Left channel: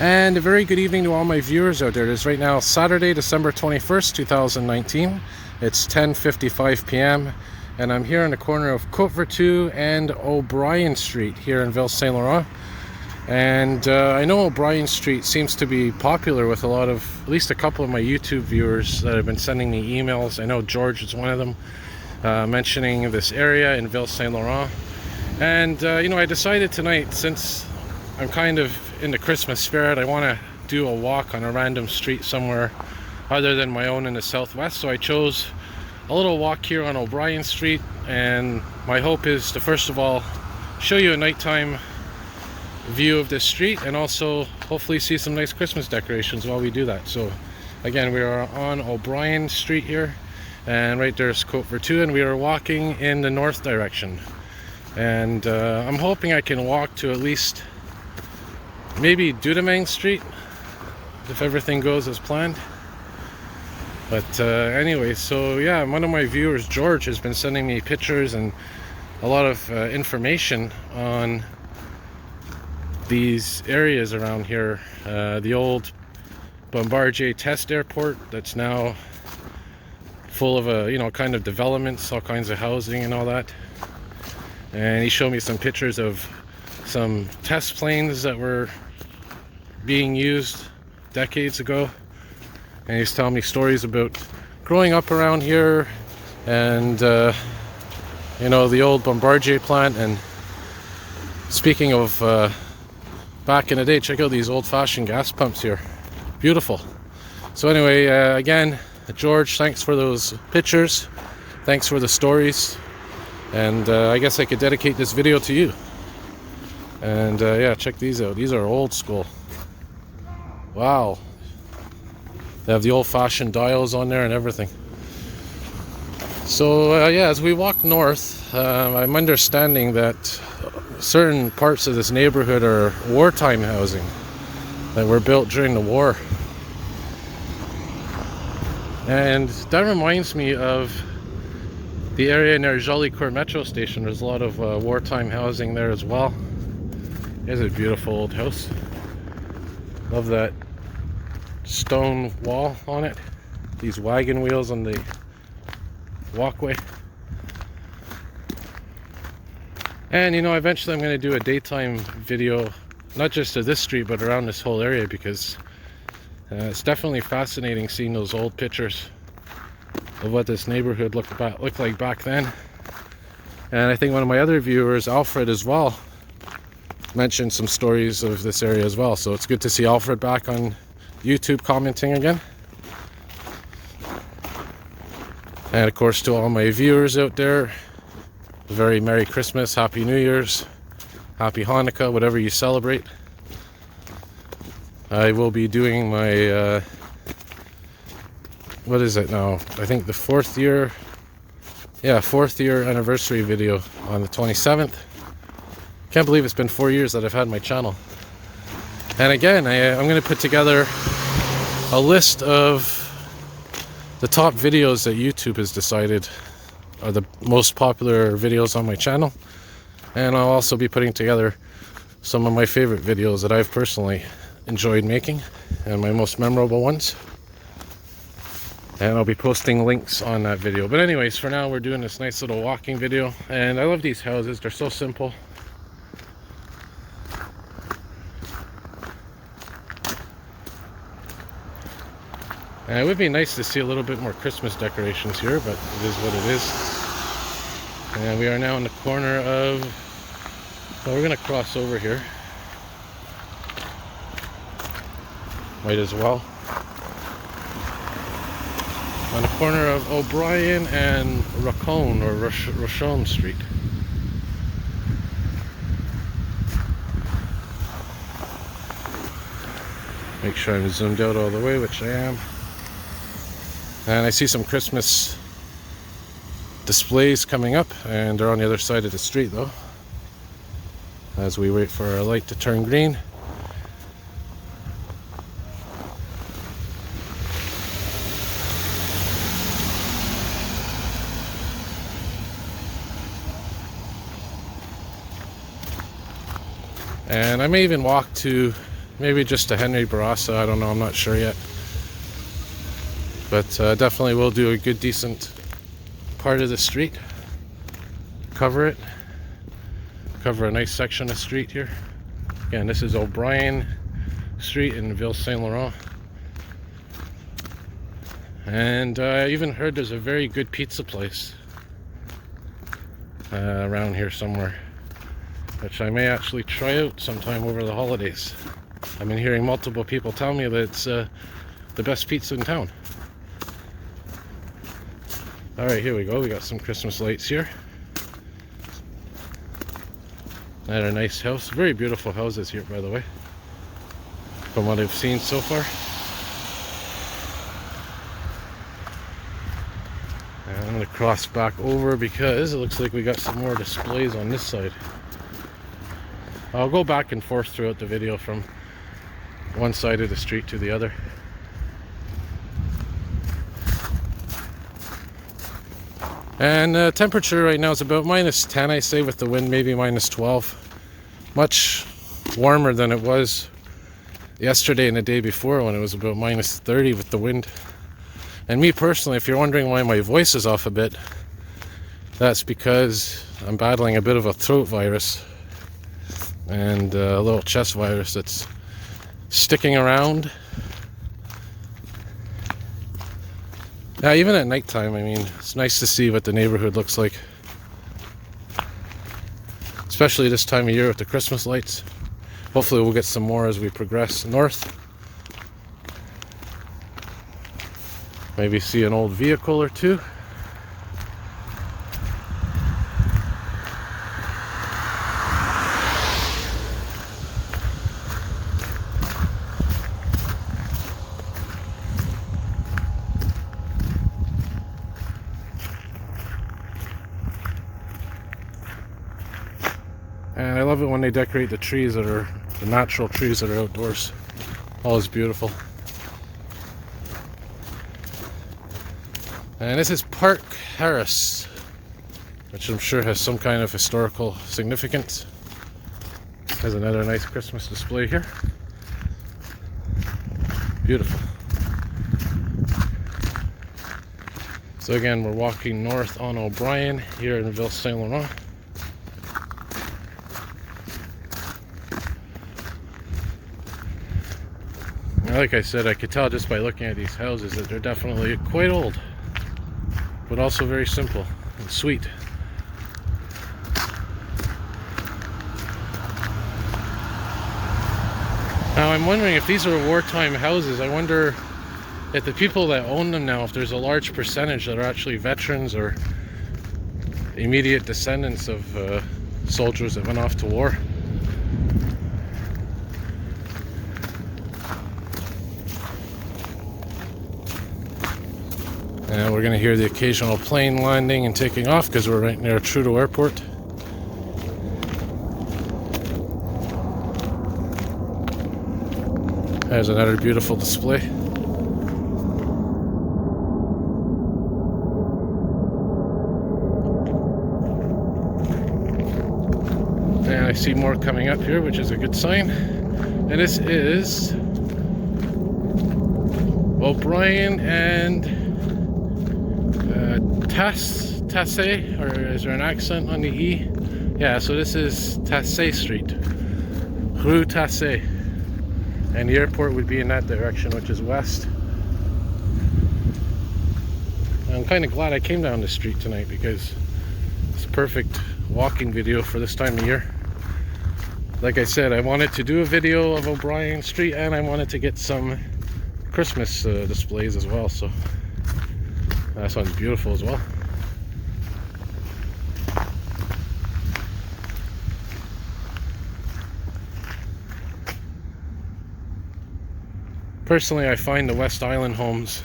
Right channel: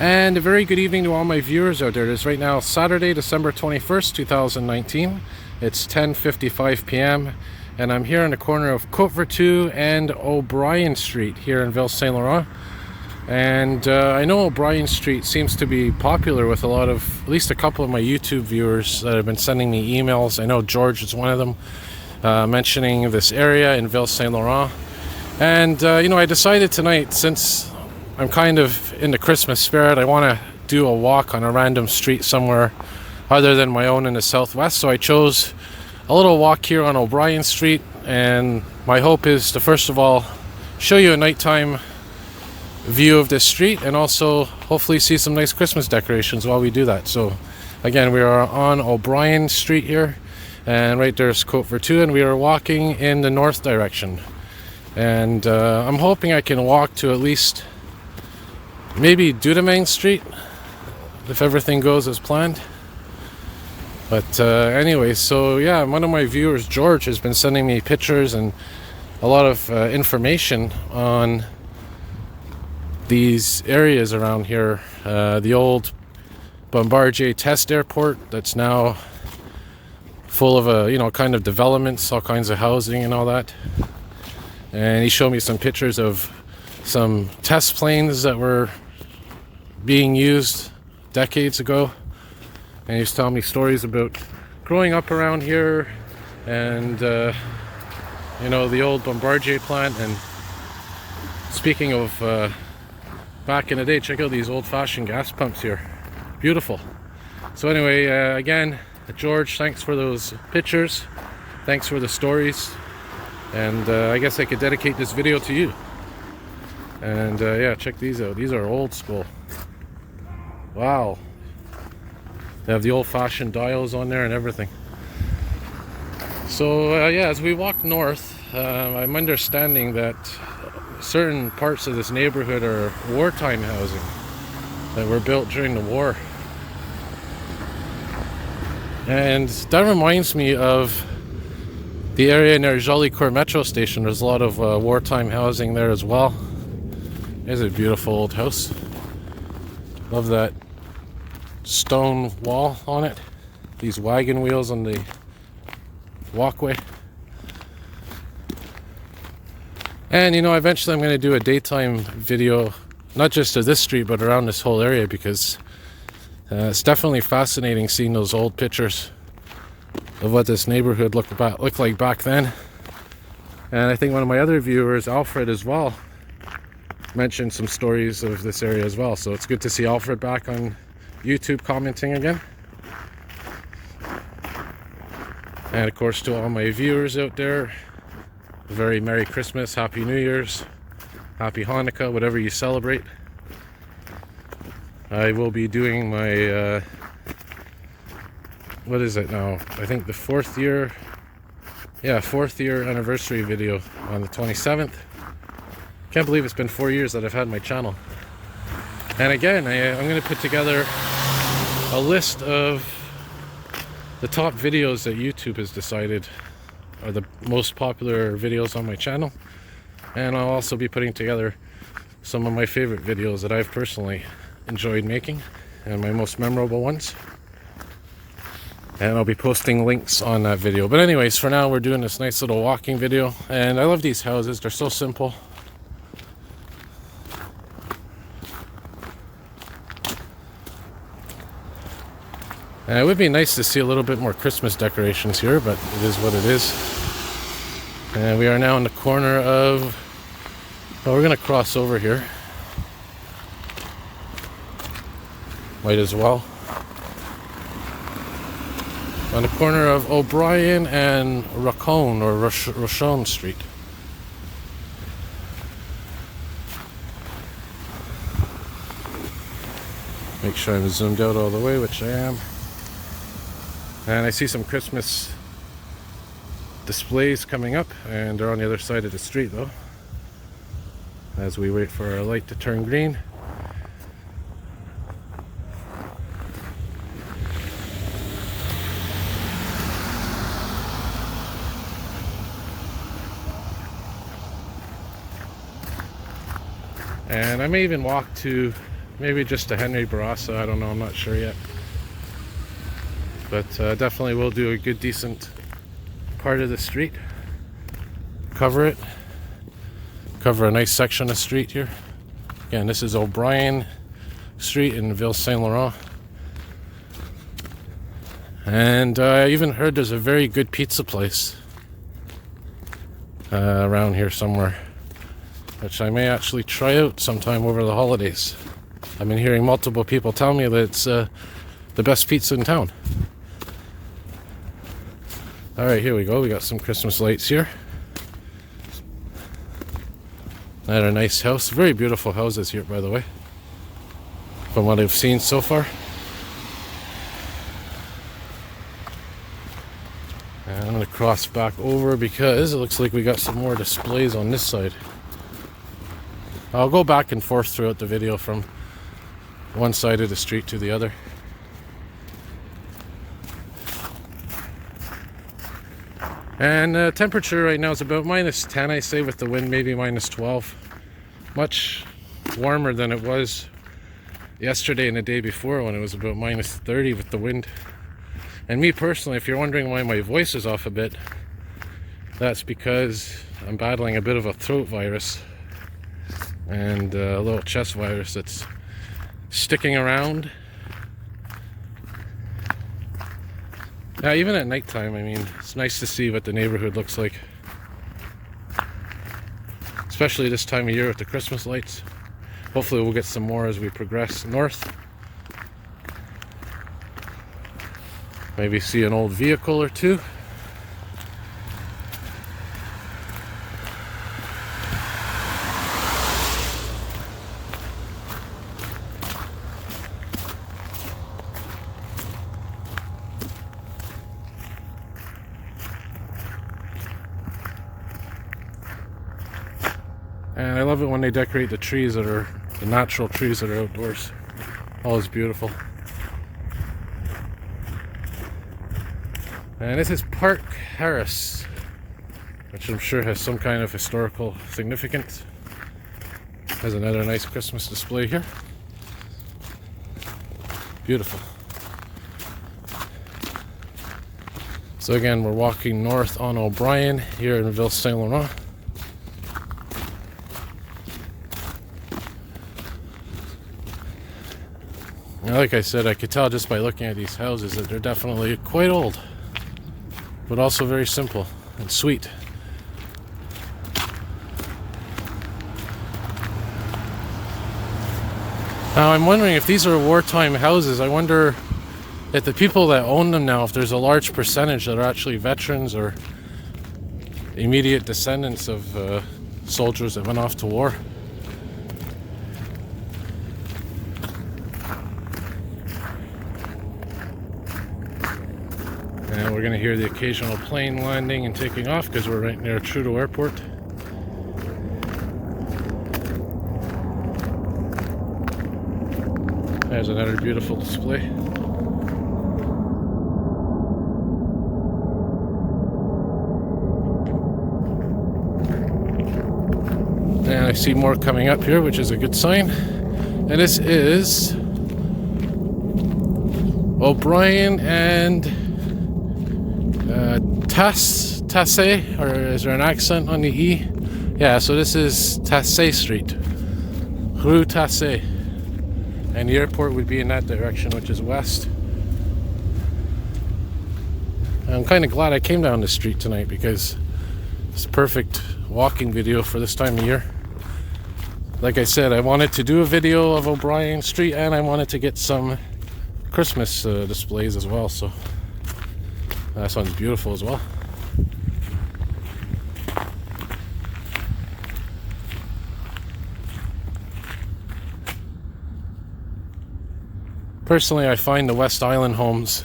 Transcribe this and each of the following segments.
And a very good evening to all my viewers out there. It is right now Saturday, December 21st, 2019. It's 10:55 p.m. and I'm here on the corner of Côte Vertu and O'Brien Street here in Ville Saint Laurent. And I know O'Brien Street seems to be popular with a lot of, at least a couple of my YouTube viewers that have been sending me emails. I know George is one of them, mentioning this area in Ville Saint Laurent. And I decided tonight, since I'm kind of in the Christmas spirit, I want to do a walk on a random street somewhere other than my own in the southwest. So I chose a little walk here on O'Brien Street, and my hope is to first of all show you a nighttime view of this street and also hopefully see some nice Christmas decorations while we do that. So again, we are on O'Brien Street here, and right there's Côte Vertu, and we are walking in the north direction. And I'm hoping I can walk to at least maybe Dudamang Street if everything goes as planned. But anyway, so yeah, one of my viewers, George, has been sending me pictures and a lot of information on these areas around here. The old Bombardier test airport that's now full of kind of developments, all kinds of housing and all that. And he showed me some pictures of some test planes that were being used decades ago, and he's telling me stories about growing up around here and the old Bombardier plant. And speaking of back in the day, check out these old-fashioned gas pumps here, beautiful. So anyway, again, George, thanks for those pictures, thanks for the stories, and I guess I could dedicate this video to you. And yeah, check these out. These are old school. Wow. They have the old-fashioned dials on there and everything. So yeah, as we walk north, I'm understanding that certain parts of this neighborhood are wartime housing that were built during the war. And that reminds me of the area near Jolicoeur Metro Station. There's a lot of wartime housing there as well. There's a beautiful old house. Love that stone wall on it. These wagon wheels on the walkway. And eventually I'm going to do a daytime video, not just of this street, but around this whole area, because it's definitely fascinating seeing those old pictures of what this neighborhood looked like back then. And I think one of my other viewers, Alfred, as well, mentioned some stories of this area as well. So it's good to see Alfred back on YouTube commenting again. And of course, to all my viewers out there, a very Merry Christmas, Happy New Year's, Happy Hanukkah, whatever you celebrate. I will be doing my what is it now? I think the fourth year anniversary video on the 27th. Can't believe it's been 4 years that I've had my channel. And again, I'm going to put together a list of the top videos that YouTube has decided are the most popular videos on my channel. And I'll also be putting together some of my favorite videos that I've personally enjoyed making and my most memorable ones. And I'll be posting links on that video. But anyways, for now we're doing this nice little walking video. And I love these houses, they're so simple. It would be nice to see a little bit more Christmas decorations here, but it is what it is. And we are now in the corner of, well, we're going to cross over here. Might as well. On the corner of O'Brien and Racon, or Rochon Street. Make sure I'm zoomed out all the way, which I am. And I see some Christmas displays coming up, and they're on the other side of the street though, as we wait for our light to turn green. And I may even walk to Maybe just a Henry Barassa, I don't know, I'm not sure yet. But definitely we'll do a good decent part of the street. Cover a nice section of street here. Again, this is O'Brien Street in Ville Saint Laurent. And I even heard there's a very good pizza place around here somewhere, which I may actually try out sometime over the holidays. I've been hearing multiple people tell me that it's the best pizza in town. Alright, here we go. We got some Christmas lights here. And a nice house. Very beautiful houses here, by the way, from what I've seen so far. And I'm going to cross back over because it looks like we got some more displays on this side. I'll go back and forth throughout the video from one side of the street to the other. And temperature right now is about -10, I say, with the wind maybe -12. Much warmer than it was yesterday and the day before when it was about -30 with the wind. And me personally, if you're wondering why my voice is off a bit, that's because I'm battling a bit of a throat virus and a little chest virus that's sticking around. Even at nighttime, I mean, it's nice to see what the neighborhood looks like. Especially this time of year with the Christmas lights. Hopefully we'll get some more as we progress north. Maybe see an old vehicle or two. And I love it when they decorate the trees that are the natural trees that are outdoors. Always beautiful. And this is Park Harris, which I'm sure has some kind of historical significance. Has another nice Christmas display here. Beautiful. So again, we're walking north on O'Brien here in Ville Saint Laurent. Like I said, I could tell just by looking at these houses that they're definitely quite old, but also very simple and sweet. Now I'm wondering if these are wartime houses. I wonder if the people that own them now, if there's a large percentage that are actually veterans or immediate descendants of soldiers that went off to war. And we're going to hear the occasional plane landing and taking off because we're right near Trudeau Airport. There's another beautiful display. And I see more coming up here, which is a good sign. And this is O'Brien and Tassé, or is there an accent on the E? Yeah, so this is Tassé Street, Rue Tassé, and the airport would be in that direction, which is west. And I'm kind of glad I came down this street tonight because it's a perfect walking video for this time of year. Like I said, I wanted to do a video of O'Brien Street and I wanted to get some Christmas displays as well, so this one's beautiful as well. Personally, I find the West Island homes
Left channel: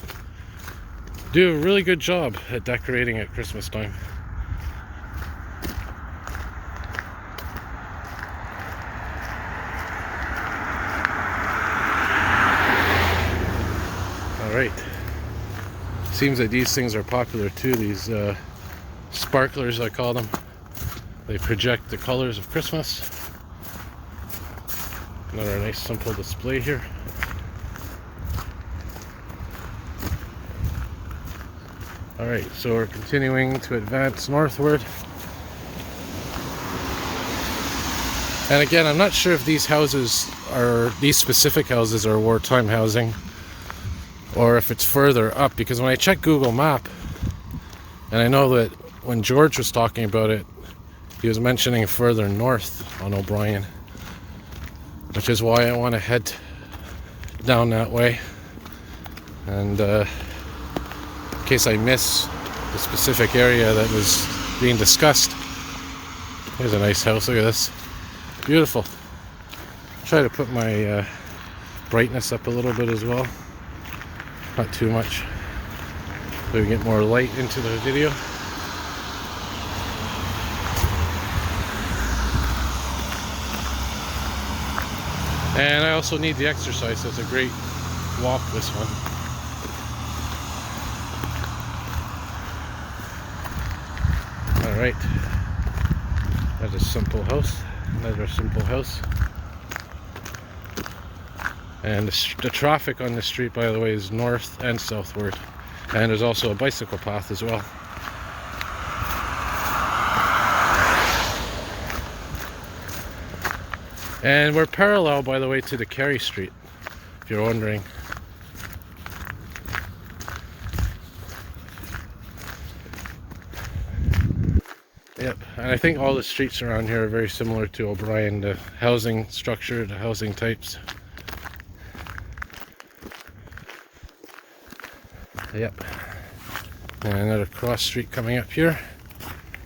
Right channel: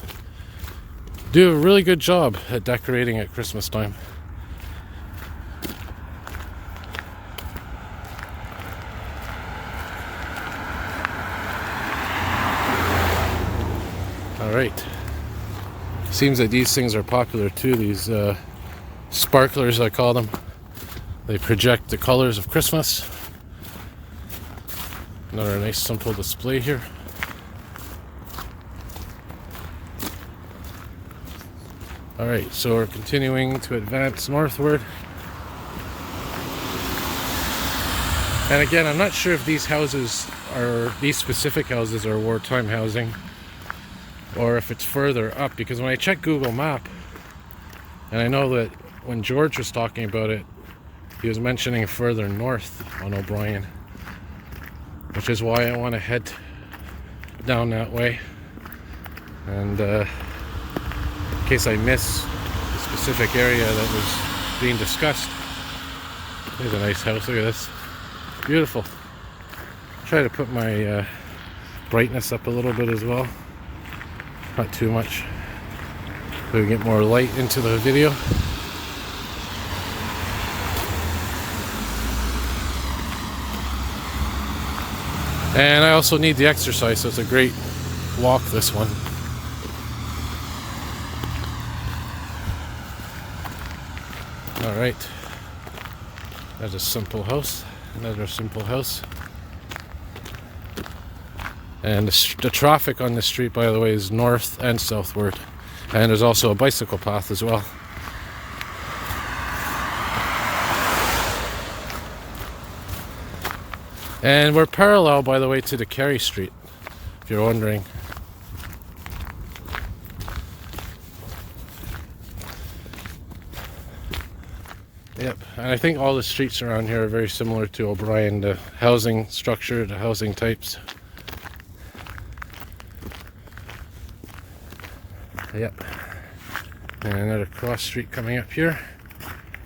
do a really good job at decorating at Christmas time. Alright. Seems that these things are popular too, these sparklers I call them. They project the colors of Christmas. Another nice simple display here. Alright, so we're continuing to advance northward. And again, I'm not sure if these specific houses are wartime housing or if it's further up, because when I check Google Map, and I know that when George was talking about it, he was mentioning further north on O'Brien, which is why I want to head down that way. And in case I miss the specific area that was being discussed. There's a nice house, look at this. Beautiful. Try to put my brightness up a little bit as well. Not too much. So we get more light into the video. And I also need the exercise, so it's a great walk, this one. Alright. That's a simple house. Another simple house. And the traffic on this street, by the way, is north and southward. And there's also a bicycle path as well. And we're parallel, by the way, to the Carey Street, if you're wondering. Yep, and I think all the streets around here are very similar to O'Brien, the housing structure, the housing types. Yep. And another cross street coming up here.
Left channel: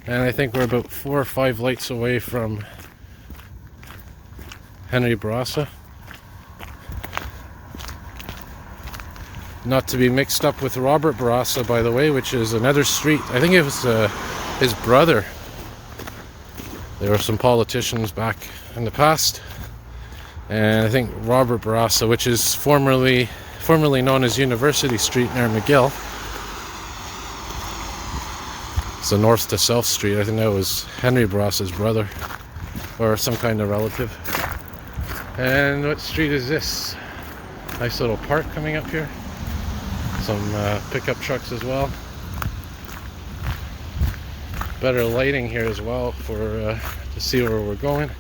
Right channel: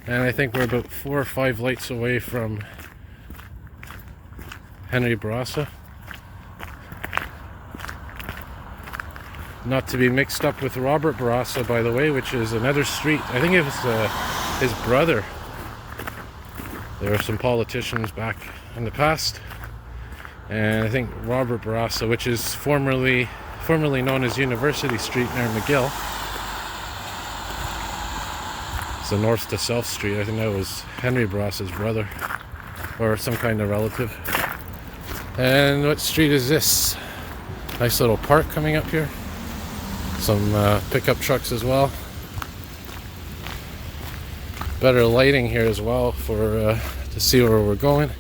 And I think we're about 4 or 5 lights away from Henry Bourassa. Not to be mixed up with Robert Bourassa, by the way, which is another street. I think it was his brother. There were some politicians back in the past. And I think Robert Bourassa, which is formerly known as University Street near McGill. It's a north to south street. I think that was Henry Bourassa's brother or some kind of relative. And what street is this? Nice little park coming up here. Some pickup trucks as well. Better lighting here as well for to see where we're going.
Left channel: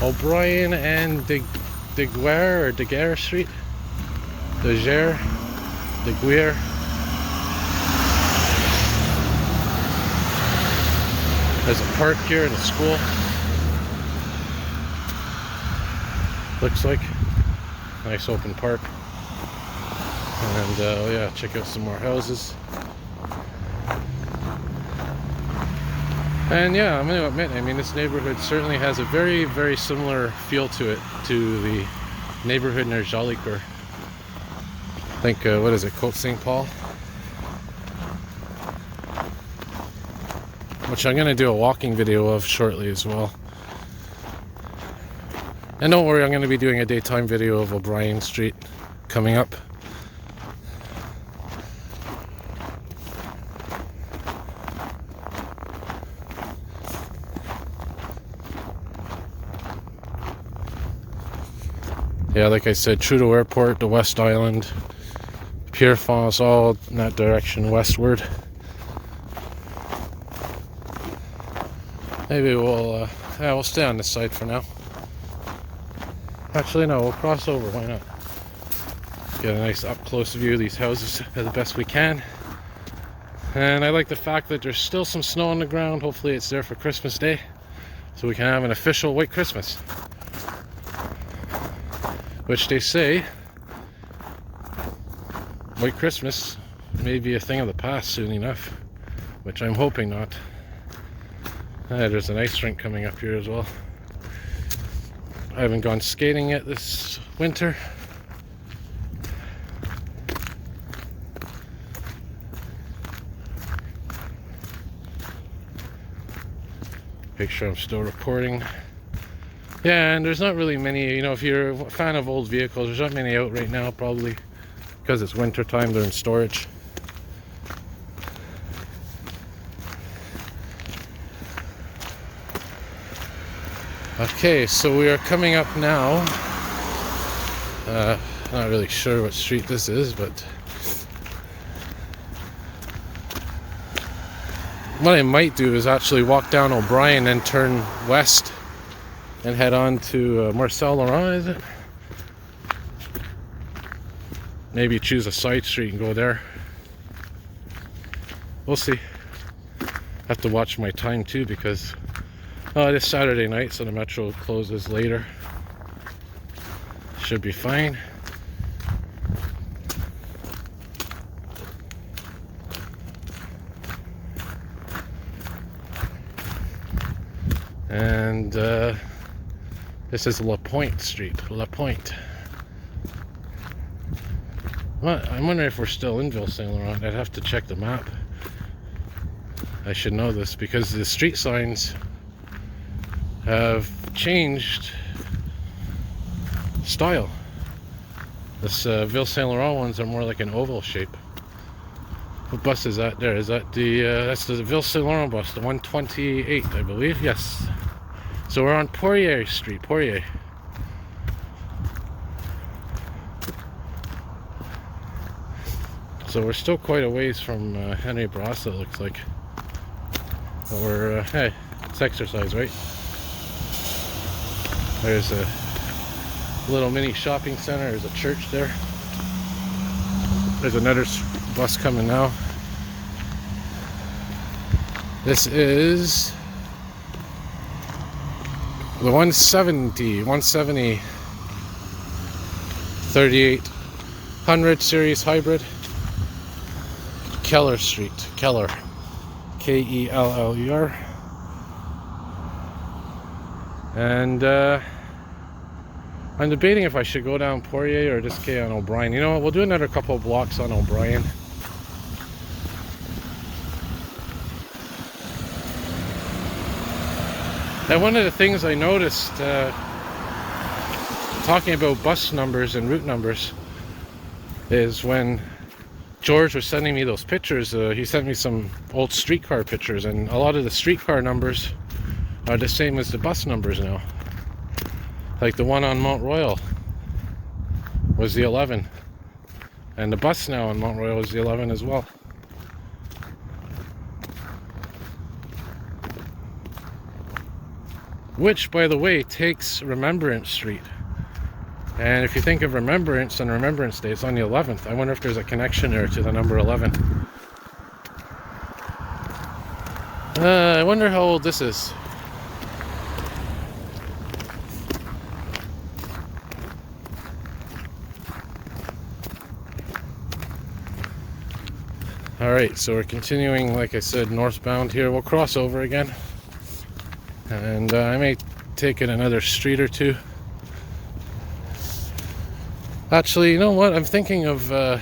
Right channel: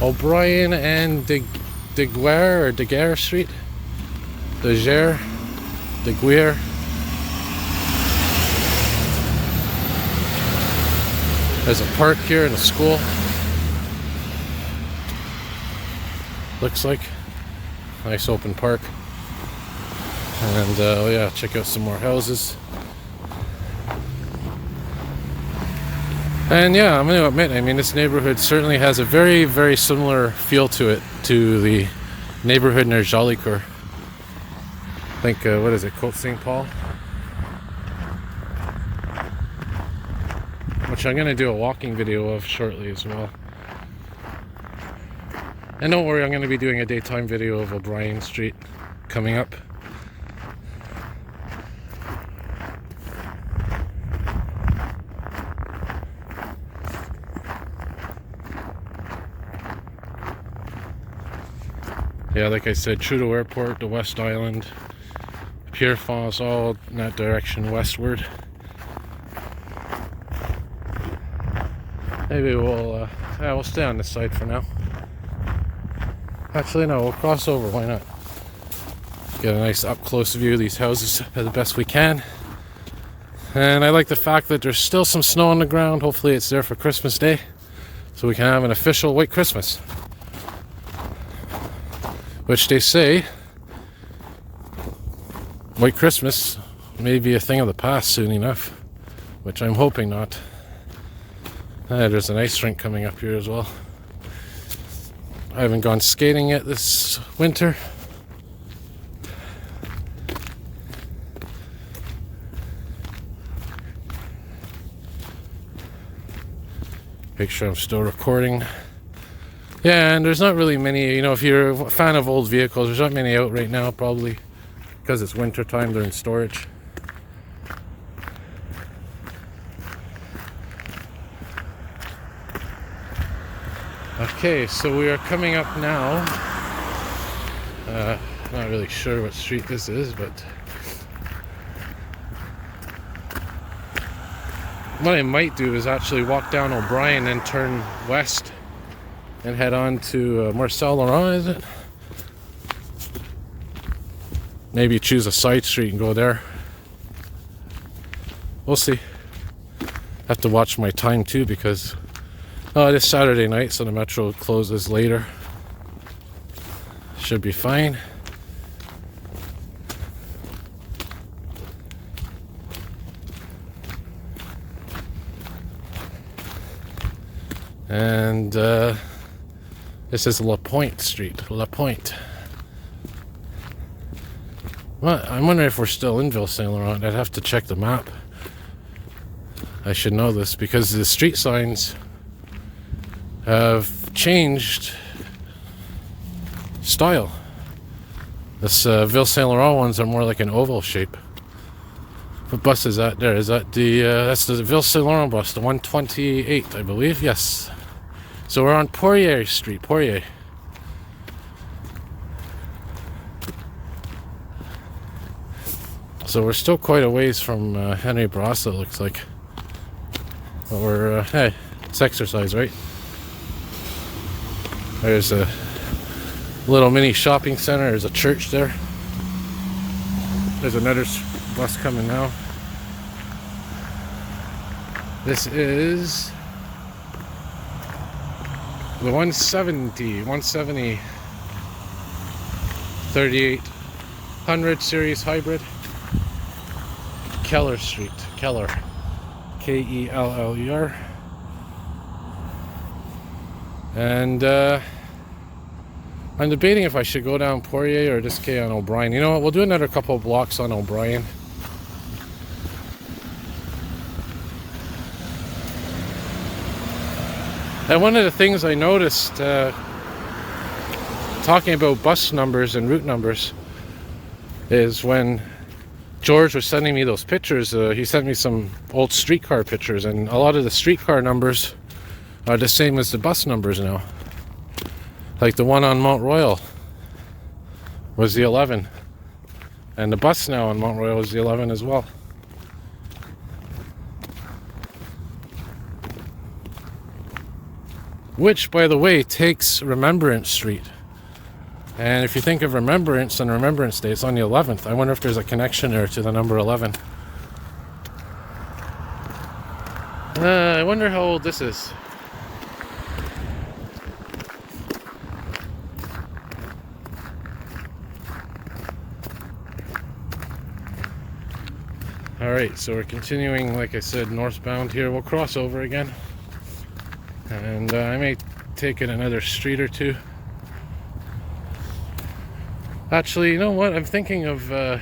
O'Brien and De Guerre or De Guerre Street. De Guerre. There's a park here and a school. Looks like nice open park. And yeah, check out some more houses. And yeah, I'm going to admit, I mean, this neighborhood certainly has a very, very similar feel to it, to the neighborhood near Jolicoeur. I think, what is it, Côte St. Paul? Which I'm going to do a walking video of shortly as well. And don't worry, I'm going to be doing a daytime video of O'Brien Street coming up. Yeah, like I said, Trudeau Airport, the West Island, Pierrefonds, all in that direction westward. Maybe we'll stay on this side for now. Actually, no, we'll cross over. Why not? Get a nice up-close view of these houses the best we can. And I like the fact that there's still some snow on the ground. Hopefully, it's there for Christmas Day, so we can have an official white Christmas. Which they say, white Christmas may be a thing of the past soon enough, which I'm hoping not. There's an ice rink coming up here as well. I haven't gone skating yet this winter. Make sure I'm still recording. Yeah, and there's not really many, you know, if you're a fan of old vehicles, there's not many out right now, probably because it's winter time, they're in storage. Okay, so we are coming up now. Not really sure what street this is, but what I might do is actually walk down O'Brien and turn west and head on to Ville Saint Laurent, is it? Maybe choose a side street and go there. We'll see. Have to watch my time too, because it is Saturday night, so the metro closes later. Should be fine. And this is La Pointe Street. La Pointe. Well, I'm wondering if we're still in Ville Saint Laurent. I'd have to check the map. I should know this because the street signs have changed style. This Ville Saint Laurent ones are more like an oval shape. What bus is that there? Is that the that's the Ville Saint Laurent bus, the 128, I believe? Yes. So we're on Poirier Street, Poirier. So we're still quite a ways from Henry Bourassa, it looks like. But we're, hey, it's exercise, right? There's a little mini shopping center. There's a church there. There's another bus coming now. This is the 170 3800 series hybrid. Keller Street, Keller, Keller. And I'm debating if I should go down Poirier or just stay on O'Brien. You know what, we'll do another couple of blocks on O'Brien. And one of the things I noticed talking about bus numbers and route numbers is when George was sending me those pictures, he sent me some old streetcar pictures, and a lot of the streetcar numbers are the same as the bus numbers now. Like the one on Mount Royal was the 11, and the bus now on Mount Royal is the 11 as well. Which, by the way, takes Remembrance Street. And if you think of Remembrance and Remembrance Day, it's on the 11th. I wonder if there's a connection there to the number 11. I wonder how old this is. Alright, so we're continuing, like I said, northbound here. We'll cross over again. And I may take it another street or two. Actually, you know what? I'm thinking of, yeah,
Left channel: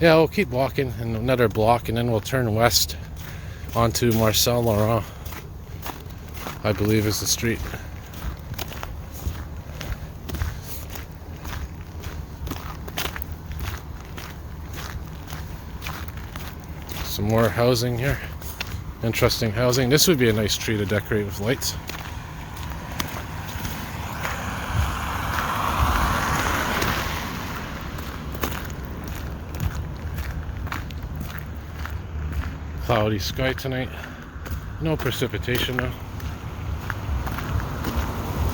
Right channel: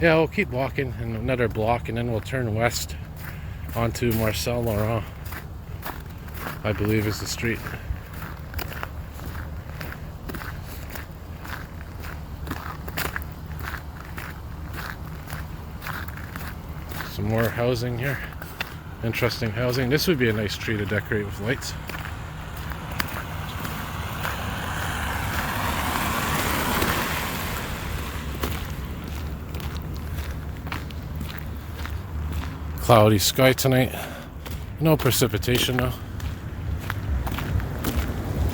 we'll keep walking in another block and then we'll turn west onto Ville Saint Laurent, I believe is the street. Some more housing here. Interesting housing. This would be a nice tree to decorate with lights. Cloudy sky tonight. No precipitation though.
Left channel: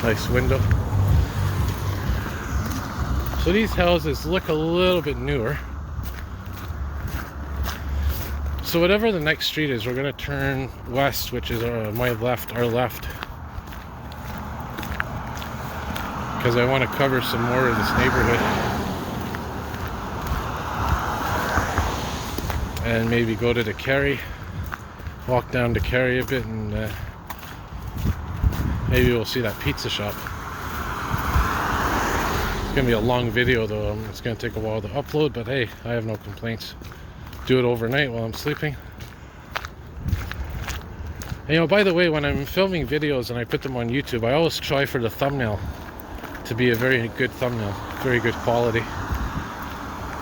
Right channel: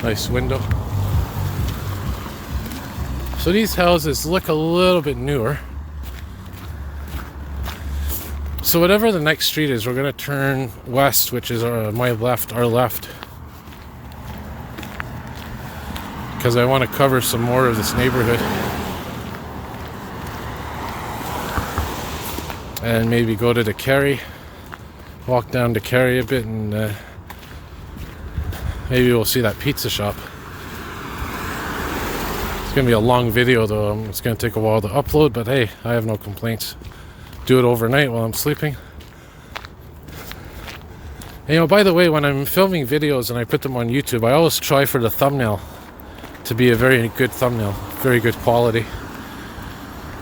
Nice window. So these houses look a little bit newer. So whatever the next street is, we're going to turn west, which is my left, our left. Because I want to cover some more of this neighborhood. And maybe go to the Kerry. Walk down to Kerry a bit and maybe we'll see that pizza shop. It's going to be a long video though. It's going to take a while to upload, but hey, I have no complaints. Do it overnight while I'm sleeping. And, you know, by the way, when I'm filming videos and I put them on YouTube, I always try for the thumbnail to be a very good thumbnail, very good quality.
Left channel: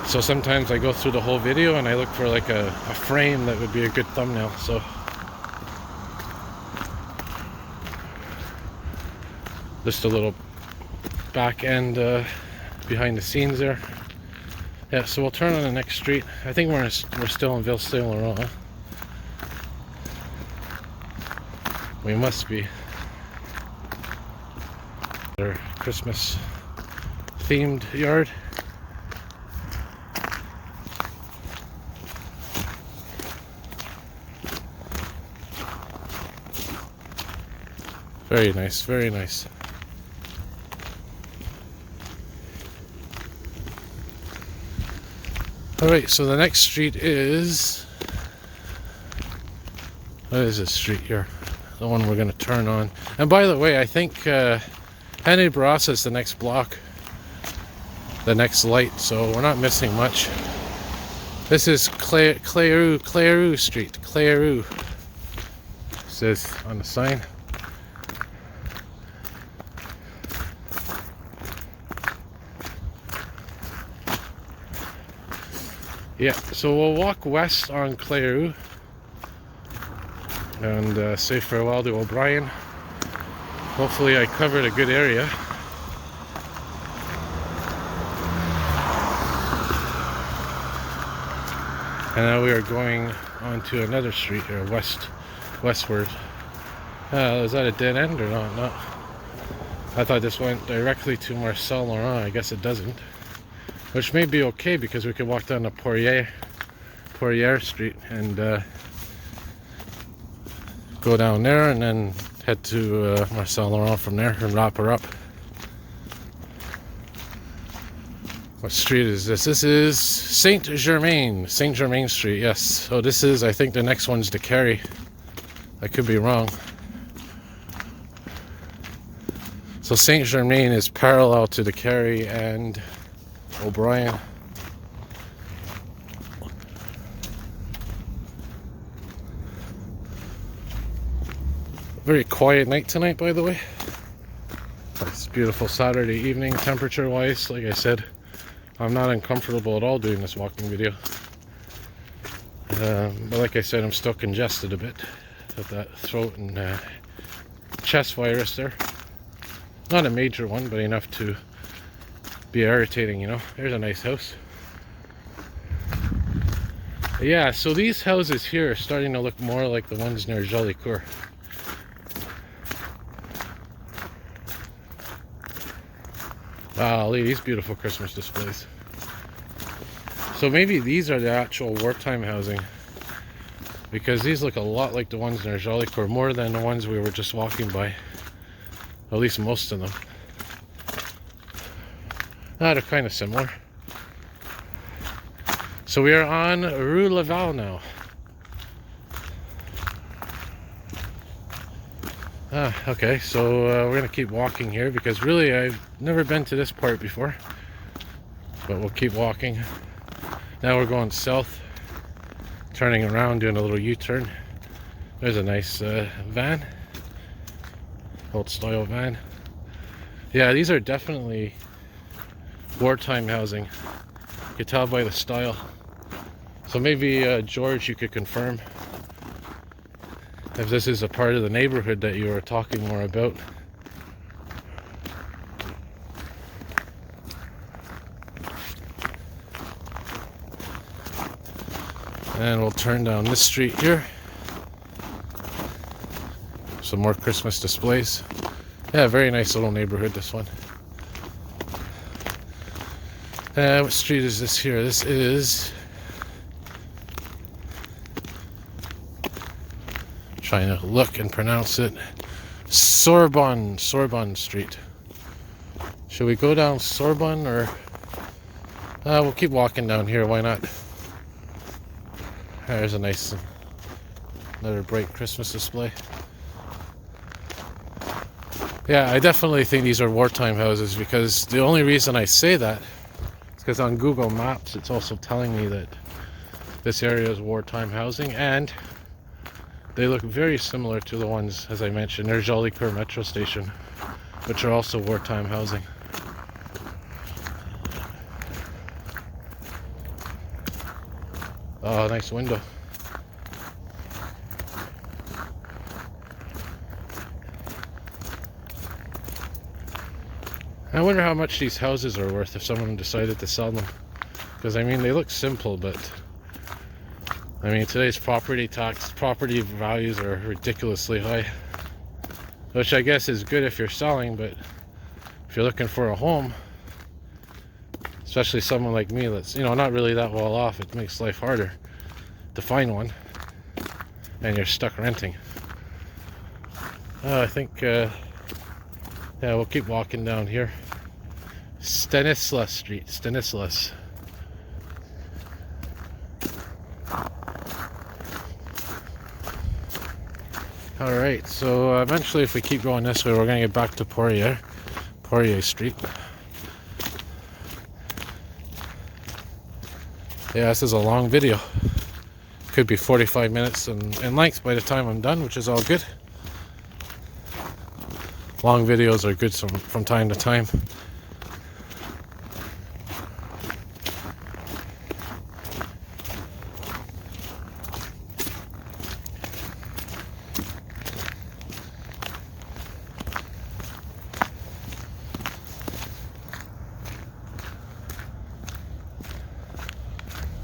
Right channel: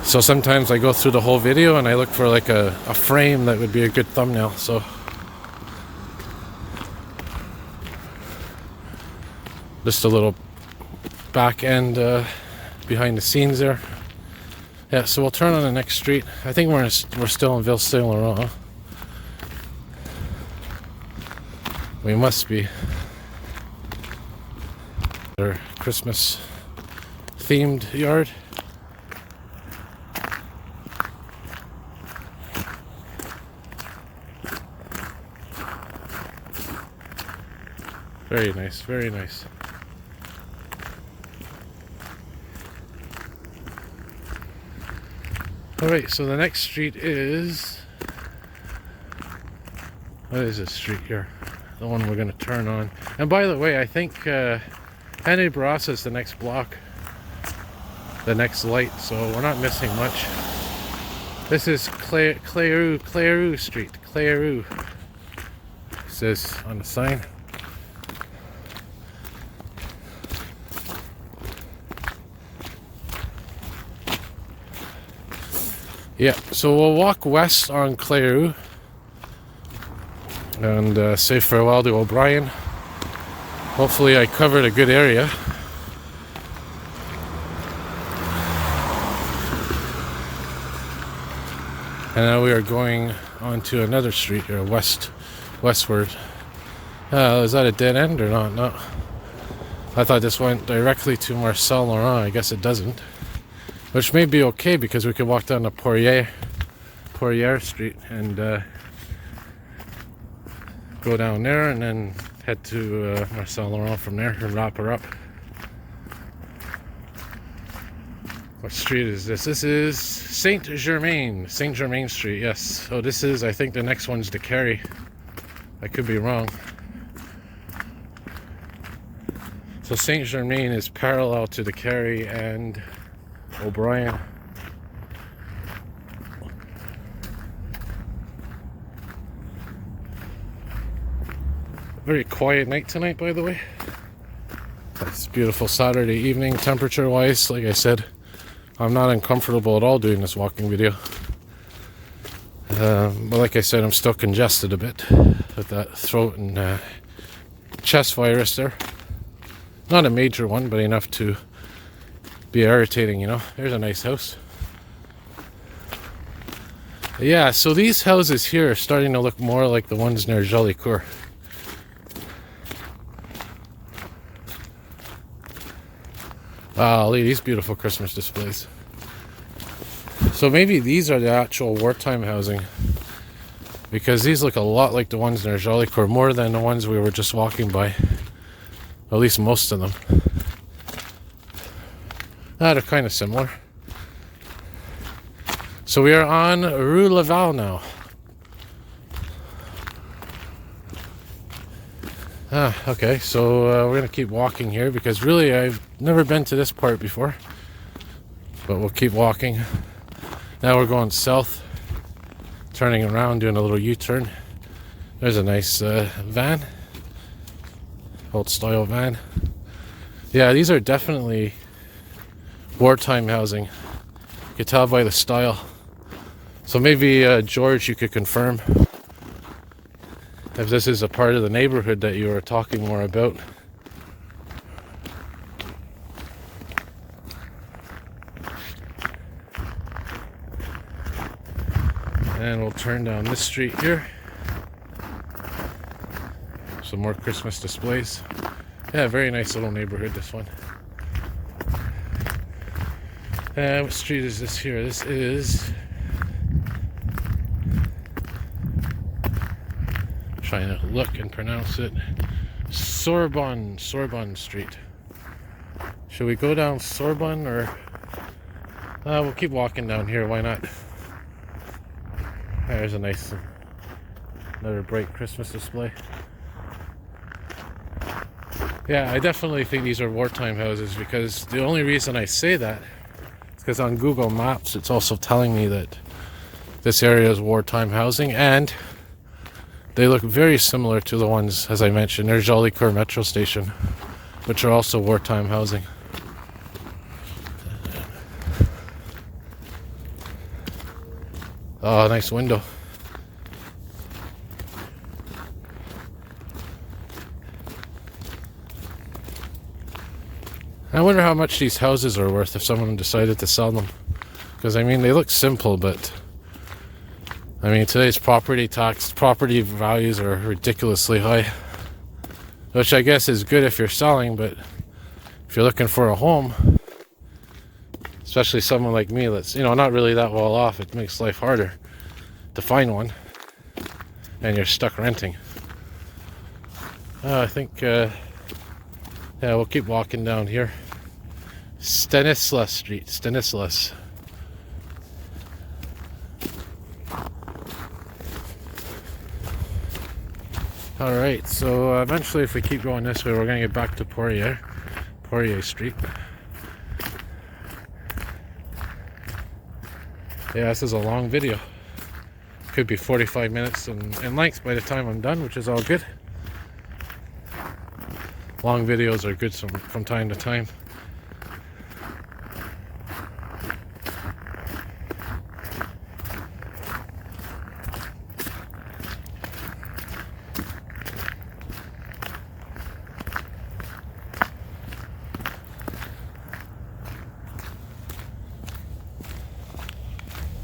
So sometimes I go through the whole video and I look for like a frame that would be a good thumbnail. So Just a little back end behind the scenes there. Yeah, so we'll turn on the next street. I think we're still in Ville Saint Laurent. We must be. Our Christmas themed yard. Very nice, very nice. Alright, so the next street is... What is this street here? The one we're going to turn on. And by the way, I think Henry Barras is the next block. The next light, so we're not missing much. This is Clairou Street. Clairou. It says on the sign. Yeah, so we'll walk west on Clairou and say farewell to O'Brien. Hopefully I covered a good area. And now we are going on to another street here, westward. Is that a dead end or not? No. I thought this went directly to Saint Laurent. I guess it doesn't. Which may be okay because we could walk down to Poirier Street and go down there and then head to Saint Laurent from there and wrap her up. What street is this? This is Saint Germain Street, yes. So this is, I think the next one's the Carry. I could be wrong. So Saint Germain is parallel to the Carry and O'Brien. Very quiet night tonight, by the way. It's beautiful Saturday evening, temperature wise. Like I said, I'm not uncomfortable at all doing this walking video. But like I said, I'm still congested a bit with that throat and chest virus there. Not a major one, but enough to be irritating, you know. There's a nice house. But yeah, so these houses here are starting to look more like the ones near Jolicoeur. Wow, look at these beautiful Christmas displays. So maybe these are the actual wartime housing, because these look a lot like the ones near Jolicoeur, more than the ones we were just walking by. At least most of them. They're kind of similar. So we are on Rue Laval now. Okay, so we're going to keep walking here because really I've never been to this part before. But we'll keep walking. Now we're going south, turning around, doing a little U-turn. There's a nice van. Old style van. Yeah, these are definitely wartime housing. You can tell by the style. So maybe George, you could confirm if this is a part of the neighborhood that you were talking more about. And we'll turn down this street here. Some more Christmas displays. Yeah, very nice little neighborhood, this one. What street is this here? This is... trying to look and pronounce it. Sorbonne Street. Should we go down Sorbonne or... we'll keep walking down here, why not? There's a nice, another bright Christmas display. Yeah, I definitely think these are wartime houses, because the only reason I say that is because on Google Maps it's also telling me that this area is wartime housing, and they look very similar to the ones, as I mentioned, there's Jolicoeur Metro Station, which are also wartime housing. Oh, nice window. I wonder how much these houses are worth if someone decided to sell them. Because, I mean, they look simple, but... I mean, today's property values are ridiculously high. Which I guess is good if you're selling, but... if you're looking for a home... especially someone like me that's, you know, not really that well off, it makes life harder to find one. And you're stuck renting. I think... yeah, we'll keep walking down here. Stanislas Street, Stanislas. Alright, so eventually if we keep going this way, we're going to get back to Poirier Street. Yeah, this is a long video. Could be 45 minutes in length by the time I'm done, which is all good. Long videos are good from time to time.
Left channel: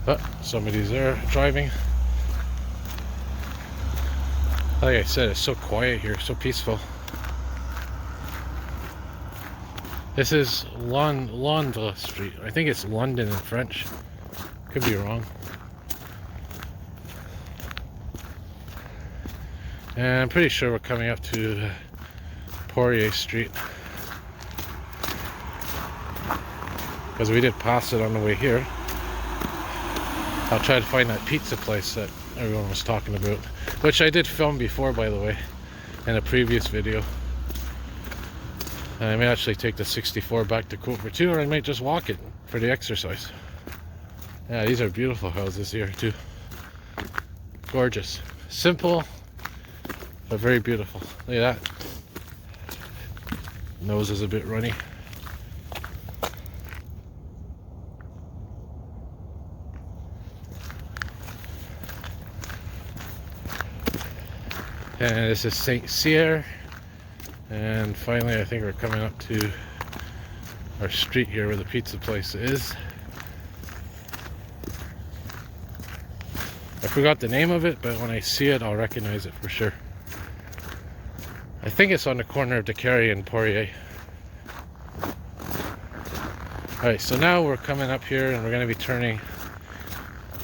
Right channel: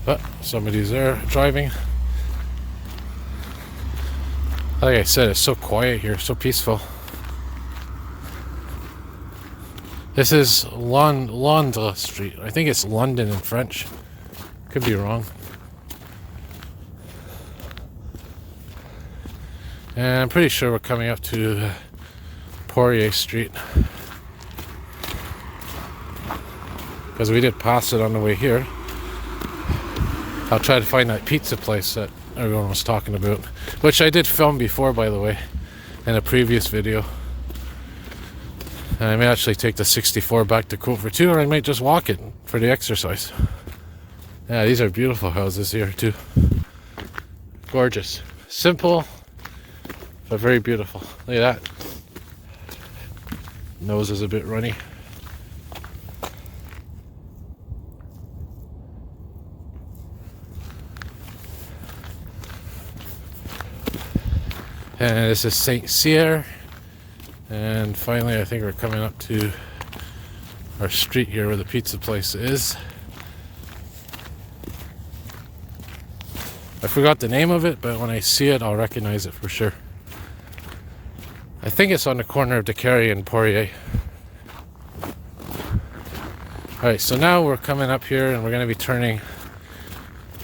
But somebody's there driving. Like I said, it's so quiet here, so peaceful. This is Londres Street. I think it's London in French. Could be wrong. And I'm pretty sure we're coming up to Poirier Street. Because we did pass it on the way here. I'll try to find that pizza place that everyone was talking about. Which I did film before, by the way. In a previous video. And I may actually take the 64 back to Côte Vertu, or I might just walk it for the exercise. Yeah, these are beautiful houses here too. Gorgeous. Simple, but very beautiful. Look at that. Nose is a bit runny. And this is Saint Cyr. And finally, I think we're coming up to our street here where the pizza place is. I forgot the name of it, but when I see it, I'll recognize it for sure. I think it's on the corner of DeCarry and Poirier. Alright, so now we're coming up here and we're going to be turning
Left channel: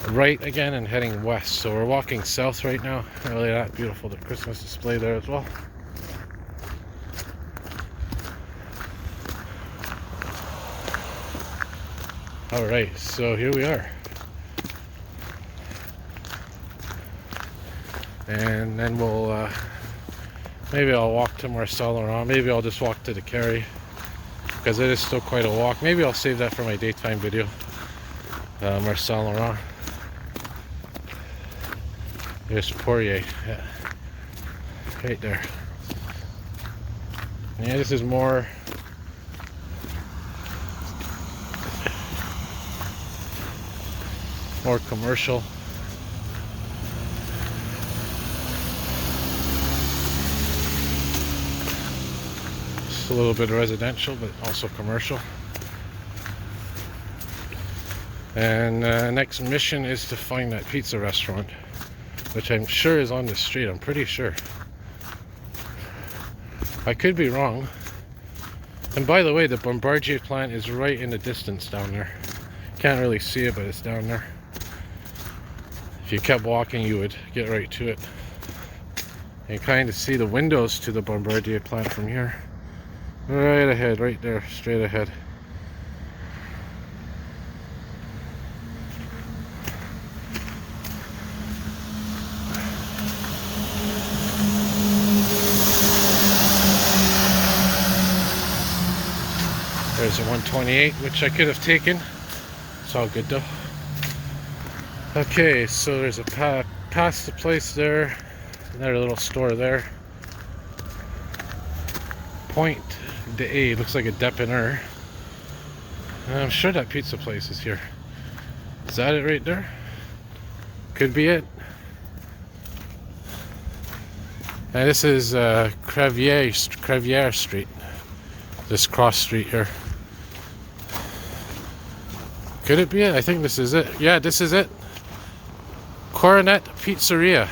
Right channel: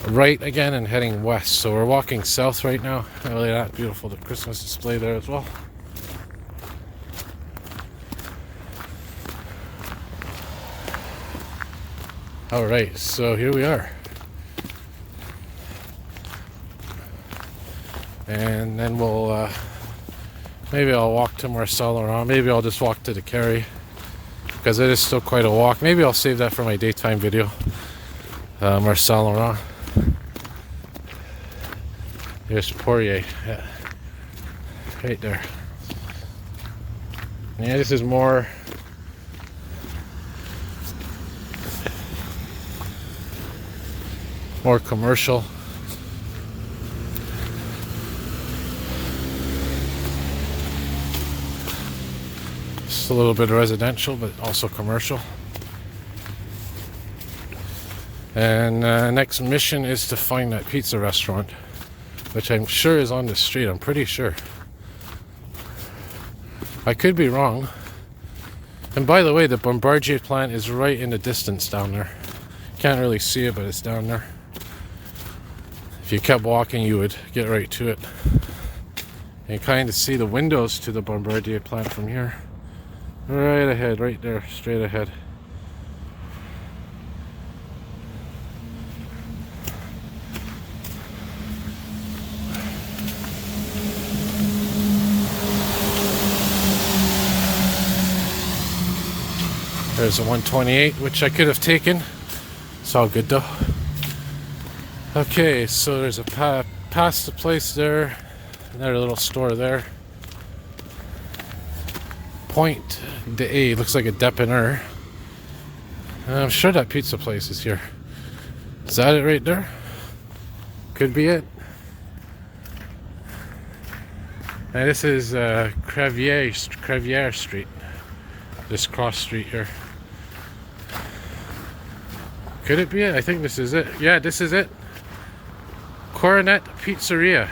right again and heading west. So we're walking south right now. Oh, look at that, beautiful, the Christmas display there as well. Alright, so here we are. And then we'll, maybe I'll walk to Ville Saint Laurent. Maybe I'll just walk to the Carry, because it is still quite a walk. Maybe I'll save that for my daytime video. Ville Saint Laurent. There's Poirier, yeah. Right there. Yeah, this is more commercial. Just a little bit of residential, but also commercial. And next mission is to find that pizza restaurant, which I'm sure is on the street. I'm pretty sure. I could be wrong. And by the way, the Bombardier plant is right in the distance down there. Can't really see it, but it's down there. If you kept walking, you would get right to it. You kind of see the windows to the Bombardier plant from here. Right ahead, right there, straight ahead. There's a 128, which I could have taken. It's all good though. Okay, so there's a past the place there, another little store there. Point de looks like a dépanneur. I'm sure that pizza place is here. Is that it right there? Could be it. And this is Crevier Street. This cross street here. Could it be it? I think this is it. Yeah, this is it. Coronet Pizzeria.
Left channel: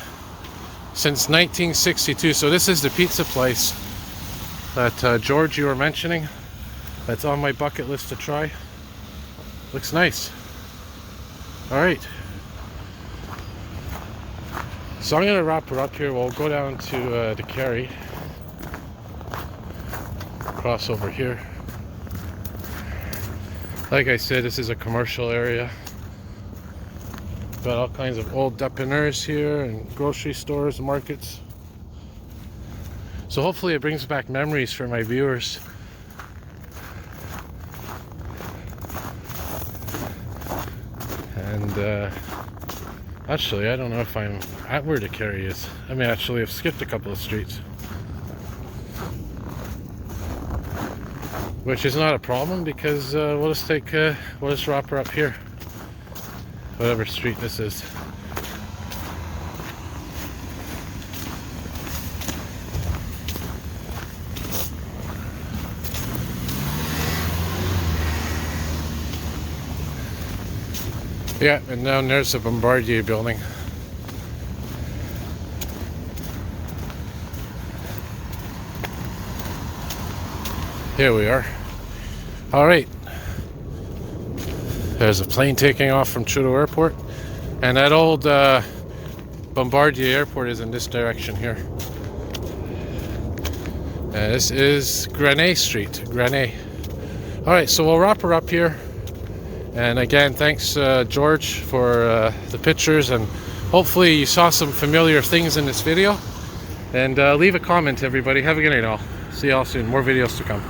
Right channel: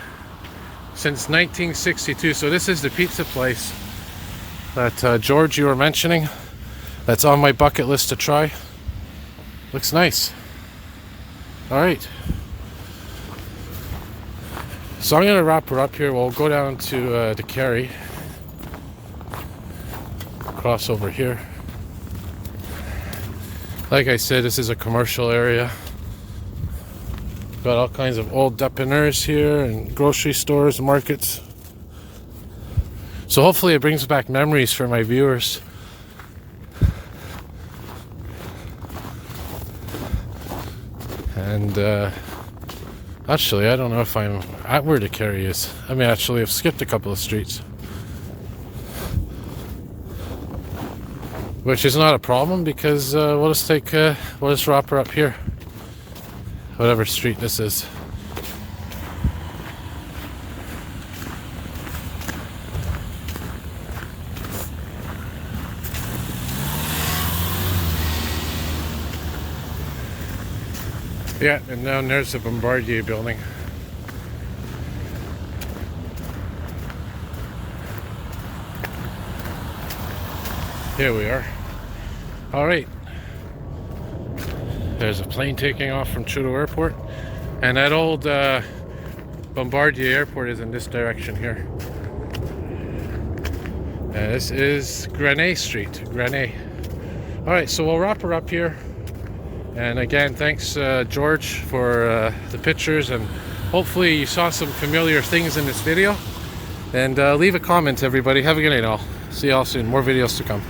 Since 1962. So this is the pizza place that George, you were mentioning. That's on my bucket list to try. Looks nice. Alright. So I'm going to wrap her up here. We'll go down to the Kerry. Cross over here. Like I said, this is a commercial area. Got all kinds of old dépanneurs here and grocery stores, markets. So hopefully it brings back memories for my viewers. And actually, I don't know if I'm at where the Kerry is. I mean, actually, I've skipped a couple of streets, which is not a problem because we'll just wrap her up here, whatever street this is. Yeah, and down there's the Bombardier building. Here we are. Alright. There's a plane taking off from Trudeau Airport. And that old Bombardier Airport is in this direction here. And this is Grenay Street. Grenay. Alright, so we'll wrap her up here. And again, thanks George for the pictures, and hopefully you saw some familiar things in this video. And leave a comment, everybody. Have a good night all. See you all soon. More videos to come.